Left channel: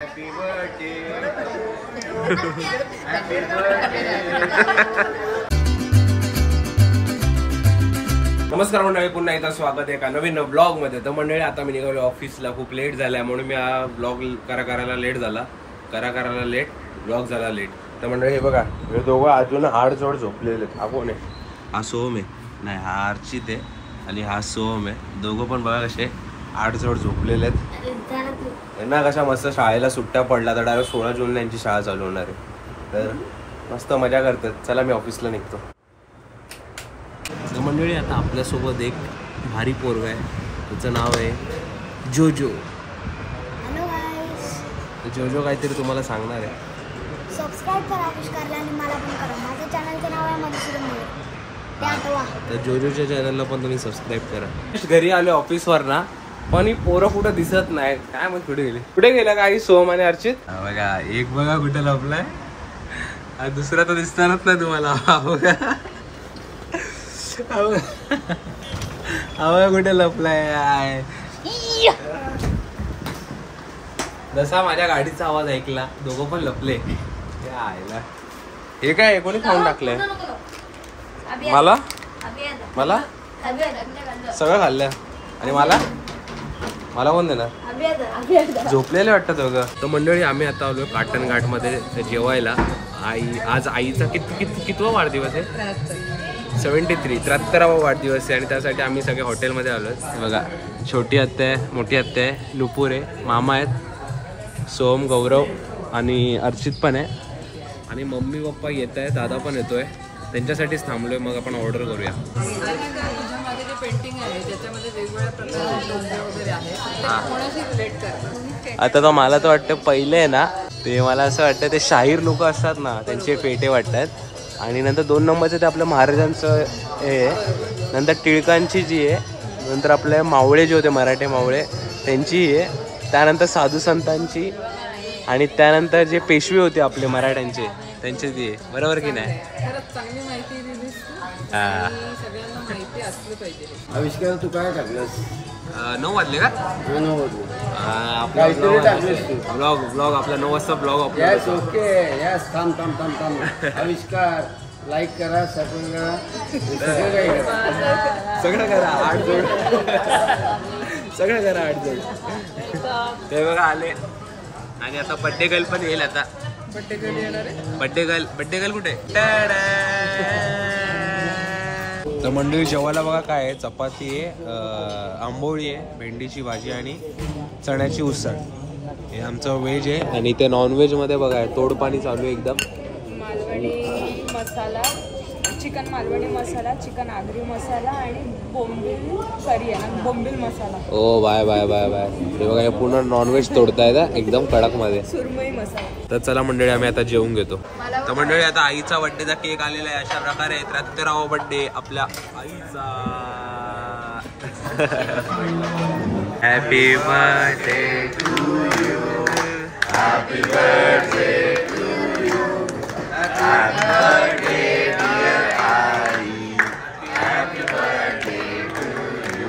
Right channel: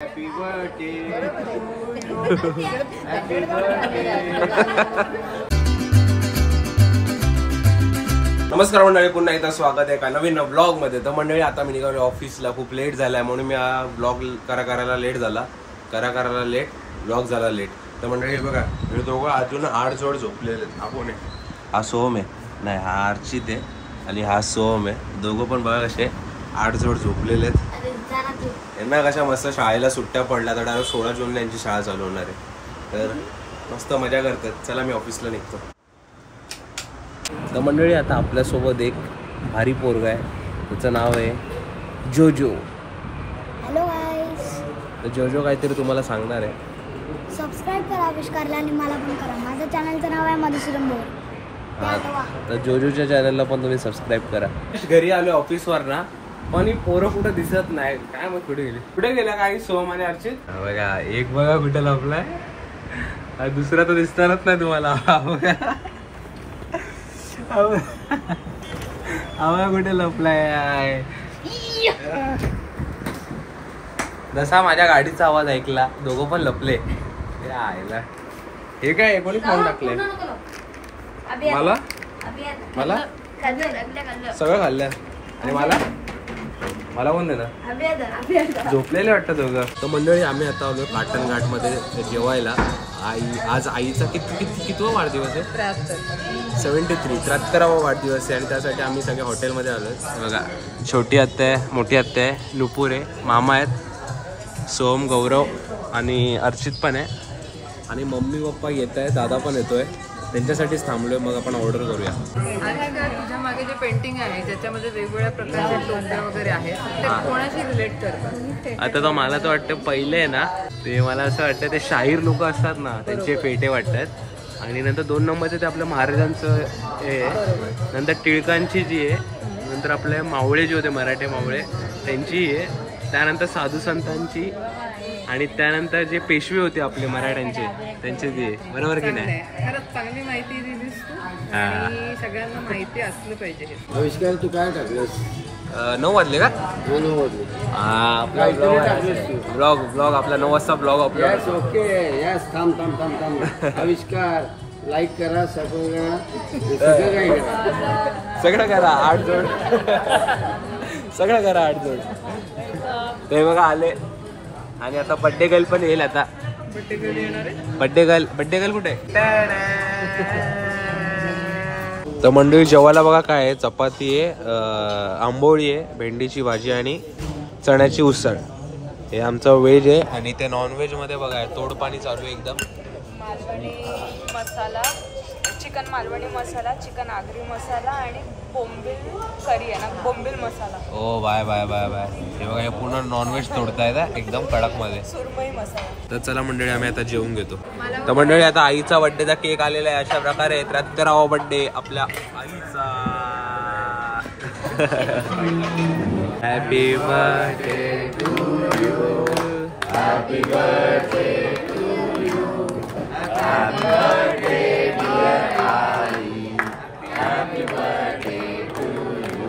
Happy birthday to you. Happy birthday. नमस्कार मंडळी, पुन्हा एकदा स्वागत आहे एका नवीन ब्लॉग मध्ये. तर मंडळी आता मी निघालो ऑफिसला, खूप लेट झालाय म्हणून मी हा ब्लॉग करायला लेट ब्लॉग झाला लेट. तर मंडळी हे बघा, हे दोघं अजून आडजोड झोपलेले आहेत. हा कोण आहे? हा सोहम आहे. नाही, हा अर्चित आहे आणि हा सोहम आहे. दोघं पण बघा कसे आडजोड झोपलेले आहेत. यांना कशा मस्त शाळेला सुट्ट्या पडल्या, तर डायरेक्ट 16 जूनला यांची शाळा चालू होणार आहे. तर मस्त मजा करतात. चला मी ऑफिसला निघतो. तर मंडळी आता आपल्यासोबत एक भारी पोरगा आहे, त्याचं नाव आहे जोजो. हॅलो गाईस. जोजो काहीतरी तुम्हाला सांगणार आहे. सबस्क्राईब करा आविष्कारला आणि मला पण करा. माझ्या चॅनलचं नाव आहे मधुसूदन मोरे. तर जोजोच्या चॅनलला पण तुम्ही सबस्क्राईब करा. घरी आलो ऑफिसवर ना, पण ही पोरं कुठं दिसत नाही. काय मग कुठे गेला काही सोहम आणि अर्चित? बघा, एक बघा कुठं लपलाय, दुसरा तर दिसणारच नाही तुम्हाला. कुठे लपलाय? जसा माझ्या गाडीचा आवाज ऐकला, दोघं पण लपले. हे काय कोणी खाऊन टाकलंय? मला सगळं खाल्लं आणि मला कोण देणार? झोपलेले वाटतं दोघं. तर मंडळी आम्ही आता आलो काटन घाट मध्ये जेवायला. आज आईचा कितवा वाढदिवस आहे? 73वा वाढदिवस आहे. आणि त्यासाठी आम्ही सगळे हॉटेलमध्ये आलो. बघा, छोटी आत्या आहे, मोठी आत्या आहे, नुपूर आहे, मामा आहेत, सोहम, गौरव आणि अर्चित पण आहे. आणि मम्मी पप्पा येत आहे, दादा पण येतोय. त्यांच्यासाठीच थांबलोय. मग आपण ऑर्डर करूया. तुझ्या मागे जे पेंटिंग आहे त्याच्यामध्ये वेगवेगळ्या प्रकारचे टोपे वगैरे आहेत, ते कोणाशी रिलेट कर? आता तर मला तर वाटतं पहिले आहे ना, ते मला असं वाटतं ते शाहीर लोक असतात ना, त्यांचे फेटे वाटतात. आणि नंतर 2 नंबरचं ते आपल्या महाराजांचं हे, नंतर टिळकांची जी आहे, नंतर आपले मावळे जे होते मराठे मावळे त्यांची आहे, त्यानंतर साधू संतांची, आणि त्यानंतर जे पेशवे होते आपले मराठ्यांचे त्यांची ती आहे. बरोबर की नाही? खरंच चांगली माहिती दिलीस तू. आणि सगळ्यांना माहिती असलं पाहिजे. आविष्कार तू काय टाकलंस? 9 वाजले का? आपला ब्लॉग आपला 9 वाजता ब्लॉग अपलोड होतो. Okay, yes. थांब. आविष्कार लाईक करा, सगळं काय करा, सगळं करा 8 जोड. सगळं करा 8 जोड. ते बघा आले. आणि आता बड्डे गर्ल पण येईल. आता बड्डे गर्ल कुठे? तर मंडळी जेवायला बघा काय आहे, चपाती आहे, आंबोळी आहे, भेंडीची भाजी आणि चण्याची उसळ. हे आमचं व्हेज आहे. आणि ते नॉनव्हेज मध्ये बघा तोडपाणी चालू आहे एकदम. मालवणी मसाला, चिकन मालवणी मसाला, चिकन आगरी मसाला आणि बोंबील करी आहे ना, बोंबील मसाला. ओ बाय. हे बघा, हे पूर्ण नॉनव्हेज तोडतायत एकदम कडक मध्ये. सुरमई मसाला. तर चला मंडळी, आम्ही आता जेवून घेतो. तर मंडळी आता आईचा बर्थडेचा केक आलेला आहे. अशा प्रकारे 73वा बर्थडे आपल्या आईचा. Happy birthday to you, happy birthday to you, happy birthday dear आई, happy birthday to you,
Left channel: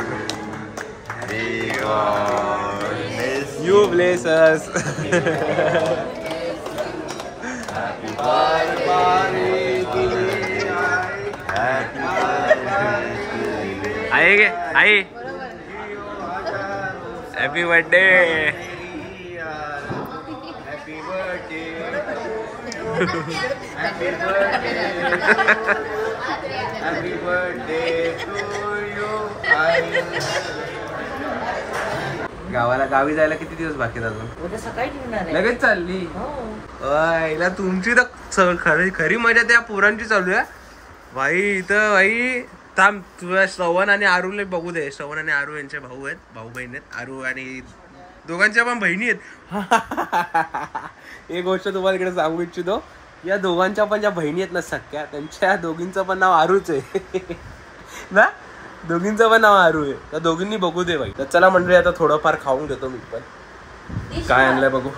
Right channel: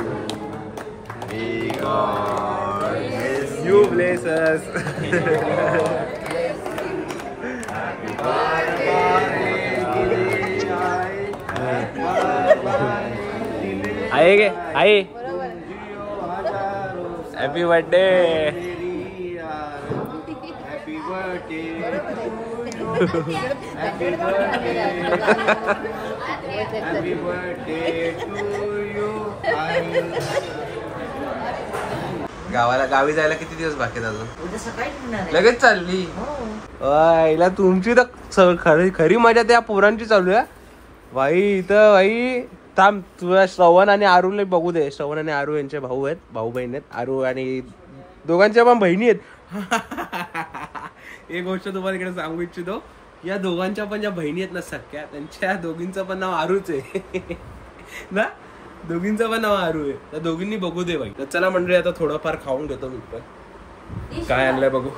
you bless us. आहे गे आहे. Happy birthday. Happy birthday. Happy birthday. Happy birthday to you. गावी जायला किती दिवस बाकी आहेत अजून? उद्या सकाळी निघणार आहे. लगेच चालली? हिला तुमची तर खरी मजा त्या पोरांची चालू आहे भाई. इथं भाई थांब, तुझ्या श्रवण आणि आरूला बघू दे. श्रवण आणि आरू यांचे भाऊ आहेत, भाऊ बहीण आहेत. आरू आणि दोघांच्या पण बहिणी आहेत. एक गोष्ट तुम्हाला इकडे सांगू इच्छितो, या दोघांच्या पण ज्या बहिणी आहेत ना सख्या, त्यांच्या दोघींचं पण नाव आरूच आहे ना. दोघींचं पण नाव आरू आहे. त्या दोघींनी बघू दे भाई. तर चला मंडळी, आता थोडंफार खाऊन घेतो मी पण. काय आणलंय बघू.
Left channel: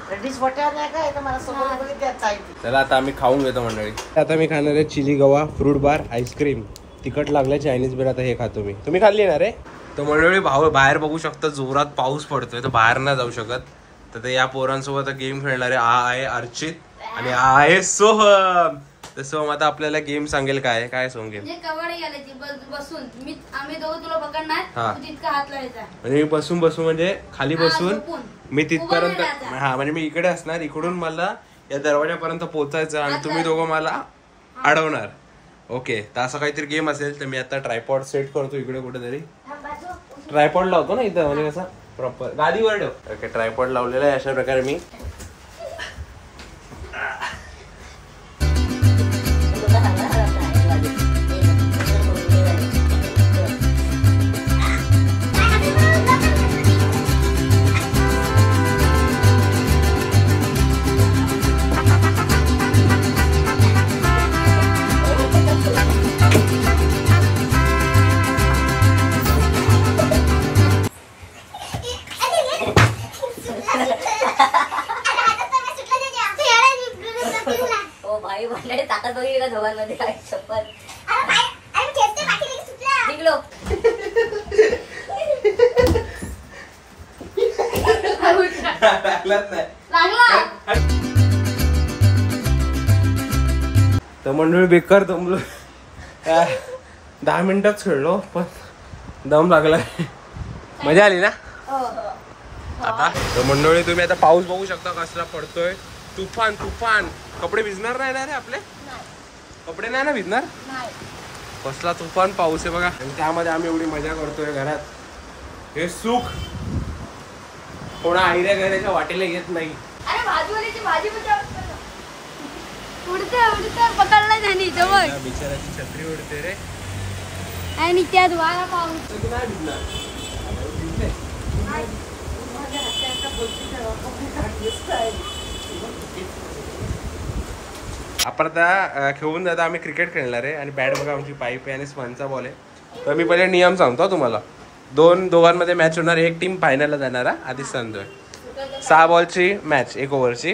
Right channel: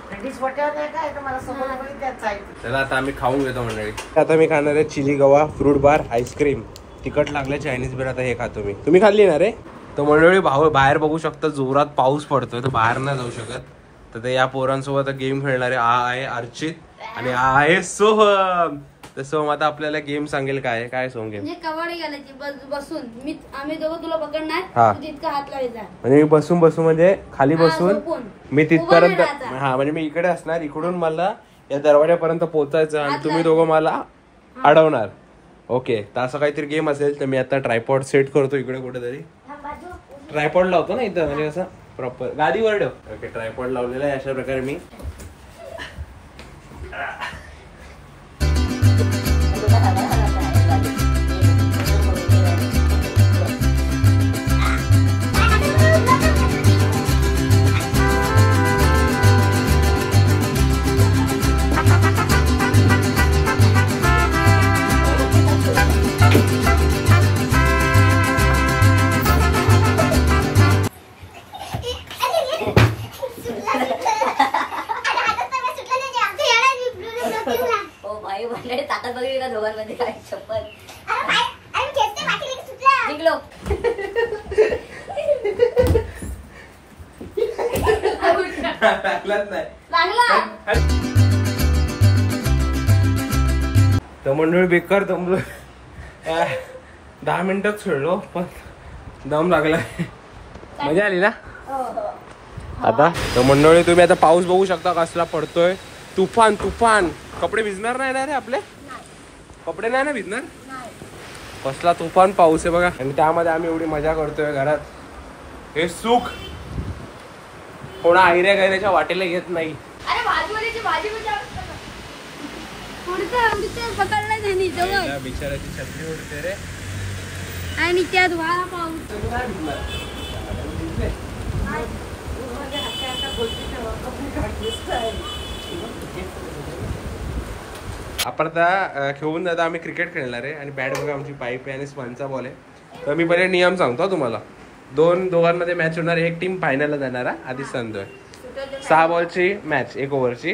चला आता आम्ही खाऊन घेतो मंडळी. आता मी खाणार आहे चिली गवा, फ्रूट बार, आईस्क्रीम. तिखट लागलं चायनीज बिर. आता हे खातो मी. तुम्ही खाल्ली ना रे? तर मंडळी बाहेर बघू शकता जोरात पाऊस पडतोय, तर बाहेर नाही जाऊ शकत. तर ते या पोरांसोबत गेम खेळणारे हा आहे अर्चित आणि हा आहे सोहम. तर सोहम आता आपल्याला गेम सांगेल. काय सोहम गेम? कबड्डी घालायची बसून आम्ही दोघं तुला पकडणार, तू तितका हात लावायचा. म्हणजे मी बसून म्हणजे खाली बसून झोपून. मी तिथपर्यंत उभं नाही राहायचं. म्हणजे मी इकडे असणार, इकडून मला या दरवाजापर्यंत पोहोचायचं आणि तुम्ही दोघं मला अडवणार. ओके, तर असं काहीतरी गेम असेल. तर मी आता ट्रायपॉड सेट करतो इकडे कुठेतरी. ट्रायपॉड लावतो ना इथं, म्हणजे कसं प्रॉपर गादीवर ठेव. ओके, ट्रायपॉड लावलेला आहे अशा प्रकारे मी. दोघांमध्ये काय शपथ निघलो. तर मंडळी बेकार दमलो. 10 मिनिटच खेळलो पण दम लागला. मजा आली ना आता. तर मंडळी तुम्ही आता पाऊस बघू शकता कसला पडतोय. तुफान तुफान. कपडे भिजणार नाही ना रे आपले? कपडे नाही ना भिजणार? कसला तुफान पाऊस आहे बघा. आणि त्यामध्ये आम्ही एवढी मजा करतोय घरात. हे सुख कोणा आयऱ्या गैऱ्याच्या वाटेला येत नाही. अरे भाजी पकडला त्यांनी जवळ. बिचाराची छत्री उडते रे. आणि त्यात वारा पाऊस. आपण आता खेळून जाता आम्ही क्रिकेट खेळणार आहे. आणि बॅट बघा आमची पाईप आहे आणि स्पंजचा बॉल आहे. तर मी पहिले नियम सांगतो तुम्हाला. दोघांमध्ये मॅच होणार. एक टीम फायनलला जाणार आधीच सांगतोय. 6 बॉलची मॅच 1 ओव्हरची.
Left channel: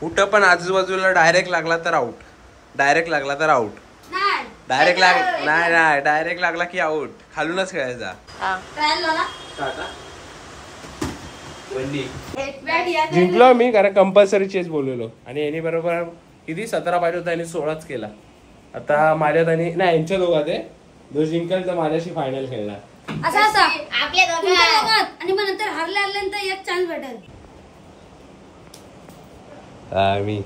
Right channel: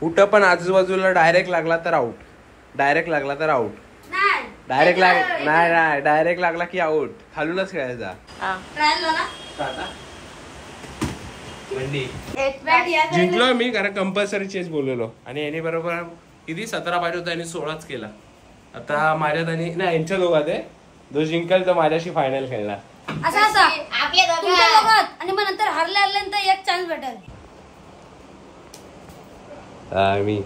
कुठं पण आजूबाजूला डायरेक्ट लागला तर आउट. डायरेक्ट लागला तर आउट. डायरेक्ट नाही डायरेक्ट लागला की आउट. खालूनच खेळायचा. जिंकलो मी कारण कंपल्सरी चेस बोललेलो. आणि याने बरोबर किती 17 पाहिजे होता आणि 16च केला. आता माझ्यात आणि नाही यांच्या दोघात आहे. जो जिंकल तर माझ्याशी फायनल खेळणार. असं आपल्या दोघात. आणि मग नंतर हरल्यानंतर एक चान्स भेटेल. मी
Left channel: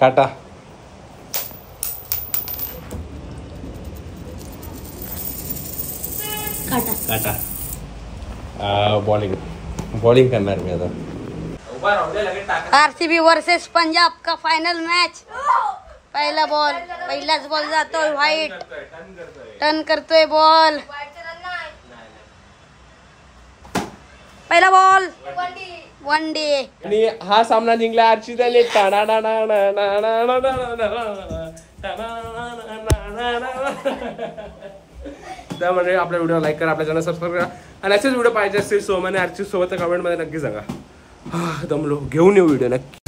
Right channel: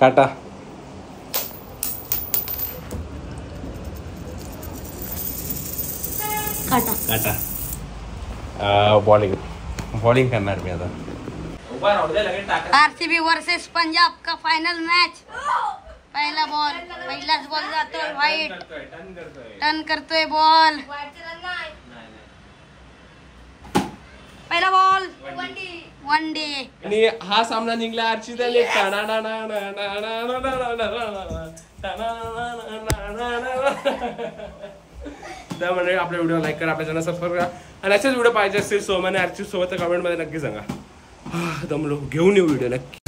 काटा काटा बॉलिंग करणार मी आता. आरसीबी वर्सेस पंजाब का फाइनल मैच. पहिलाच बॉल जातोय व्हाईट. टर्न करतोय बॉल. पहिला बॉल 1 डे. आणि हा सामना जिंकला अर्चिताने. त्यामुळे आपल्या व्हिडिओ लाईक करा, आपल्या चॅनल सबस्क्राईब करा. आणि असेच व्हिडिओ पाहिजे असतील सोहम आणि अर्चित सोबत कमेंट मध्ये नक्की सांगा. दमलो. घेऊन येऊ व्हिडिओ नक्की.